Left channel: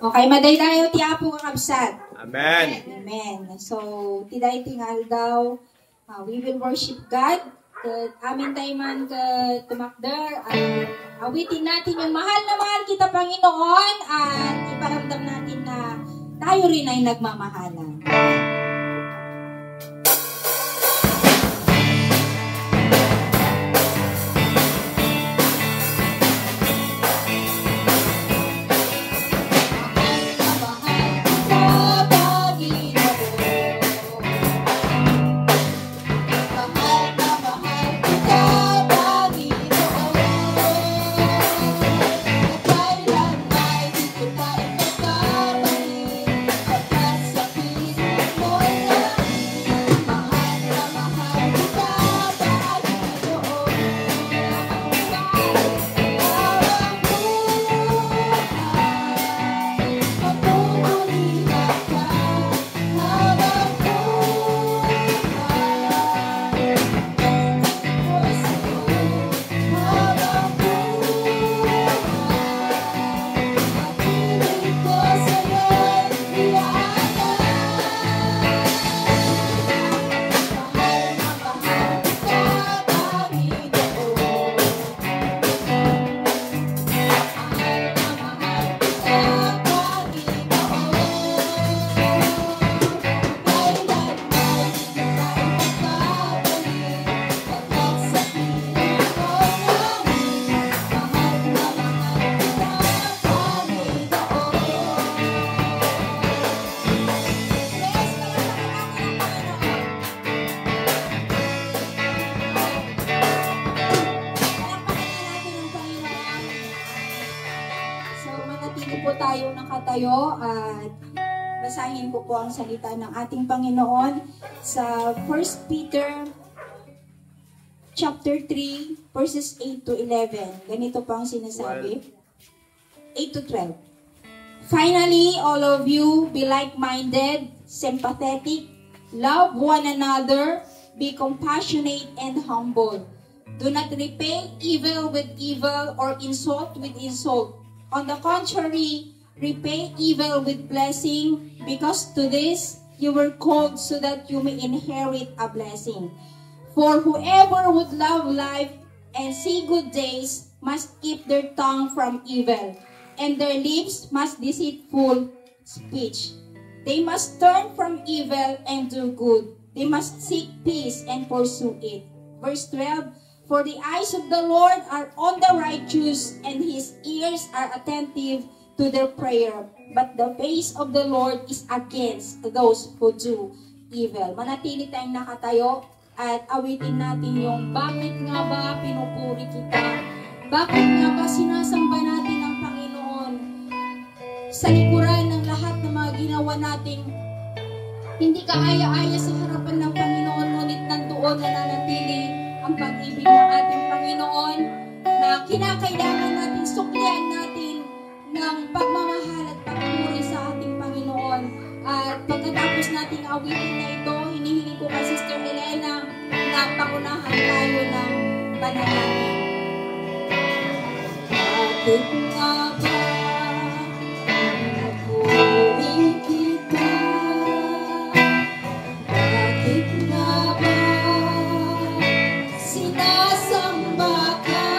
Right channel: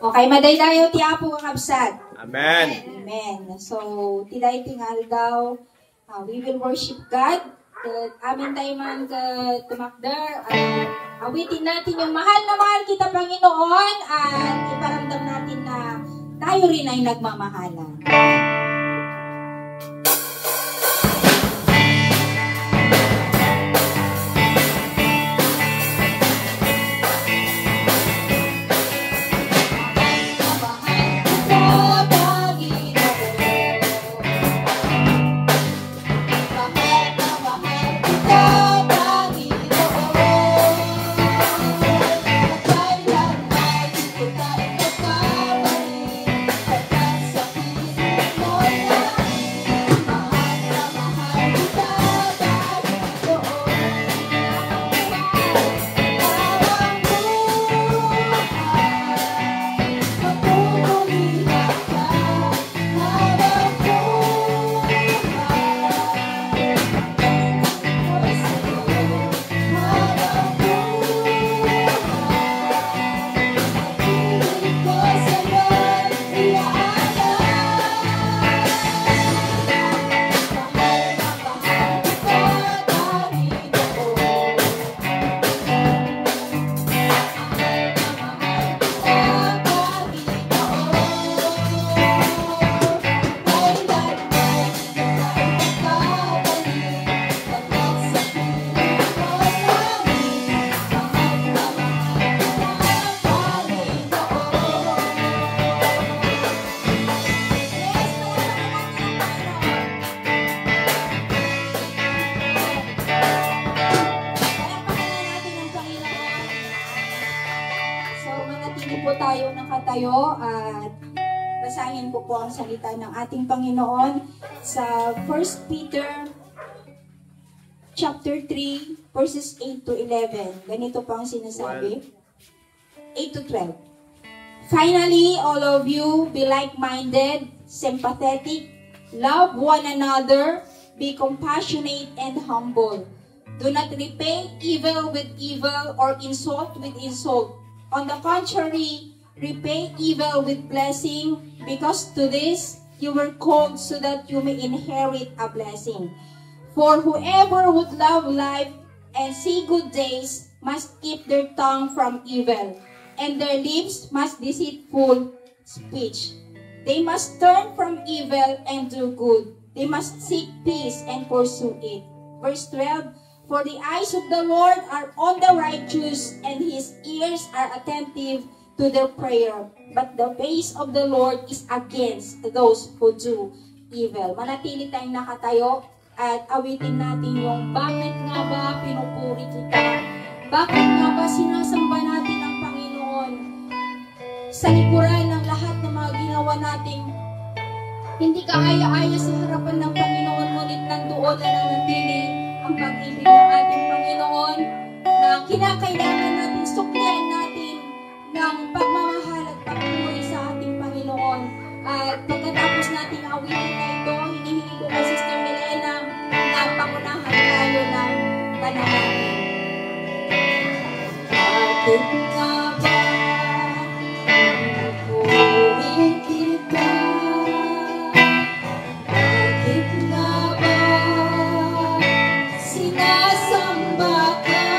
Okay, madaydayo ti Apo ang kabsat. Amen. Amen. So, tiday tingal daw, we will worship God. Amin tayo man tumakder. Awitin natin yung mahal na mahal kita Panginoon at iparamdam natin na tayo rin ay nagmamahalan. At basahin ko po ang salita ng ating Panginoon sa 1 Peter chapter 3 verses 8 to 11. Ganito po ang sinasabi. 8 to 12. Finally, all of you be like-minded, sympathetic, love one another, be compassionate and humble. Do not repay evil with evil or insult with insult. On the contrary, repay evil with blessing, because to this you were called so that you may inherit a blessing. For whoever would love life and see good days must keep their tongue from evil, and their lips must deceitful speech. They must turn from evil and do good. They must seek peace and pursue it. Verse 12, for the eyes of the Lord are on the righteous, and his ears are attentive to their prayer, but the face of the Lord is against those who do evil. Manatili tayong nakatayo at awitin natin yung bakit nga ba pinupuri kita? Bakit nga ba sinasamba natin ang Panginoon? Sa likuran ng lahat ng mga ginawa nating hindi kaaya-aya sa harapan ng Panginoon, ngunit nandoon na nanatili ang pag-ibig ng ating Panginoon na kinakailangan natin suklian natin ng pagmamahal at pagpuri sa ating Panginoon. At pagkatapos natin awitin na ito, hinihingi ko kay Sister Elena na pangunahan tayo ng panalangin. Bakit nga ba pinupuri kita? Bakit nga ba sinasamba ka?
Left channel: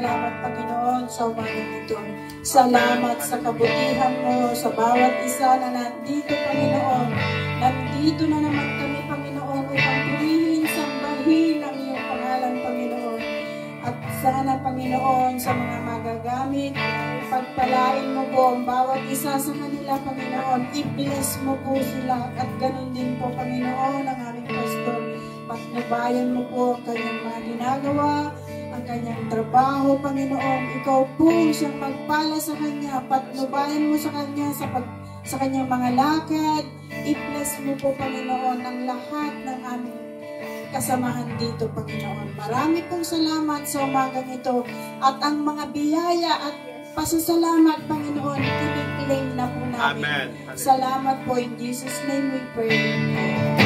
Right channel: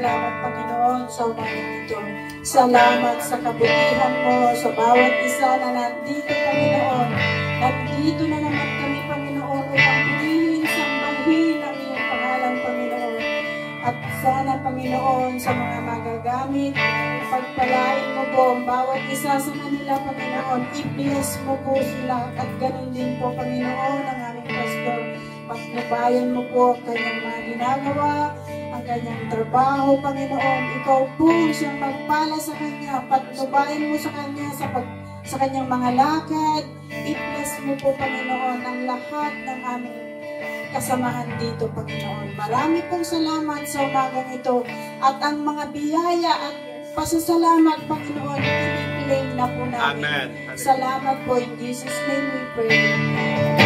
salamat, Panginoon, sa umagang ito. Salamat sa kabutihan mo sa bawat isa na nandito, Panginoon. Nandito na naman kami, Panginoon, upang purihin, sambahin ang iyong pangalan, Panginoon. At sana, Panginoon, sa mga magagamit, pagpalain mo po ang bawat isa sa kanila, Panginoon. I-bless mo po sila at ganun din po, Panginoon, ang aming pastor. Patnubayan mo po ang kanyang mga ginagawa, ang kanyang trabaho, Panginoon. Ikaw po siyang magpala sa kanya. Patnubayan mo sa kanya sa kanyang mga lakad. I-bless mo po, Panginoon, ang lahat ng aming kasamahan dito, Panginoon. Marami pong salamat sa umagang ito. At ang mga biyaya at pasasalamat, Panginoon, inipiling na po namin. Amen. Salamat po. In Jesus' name we pray.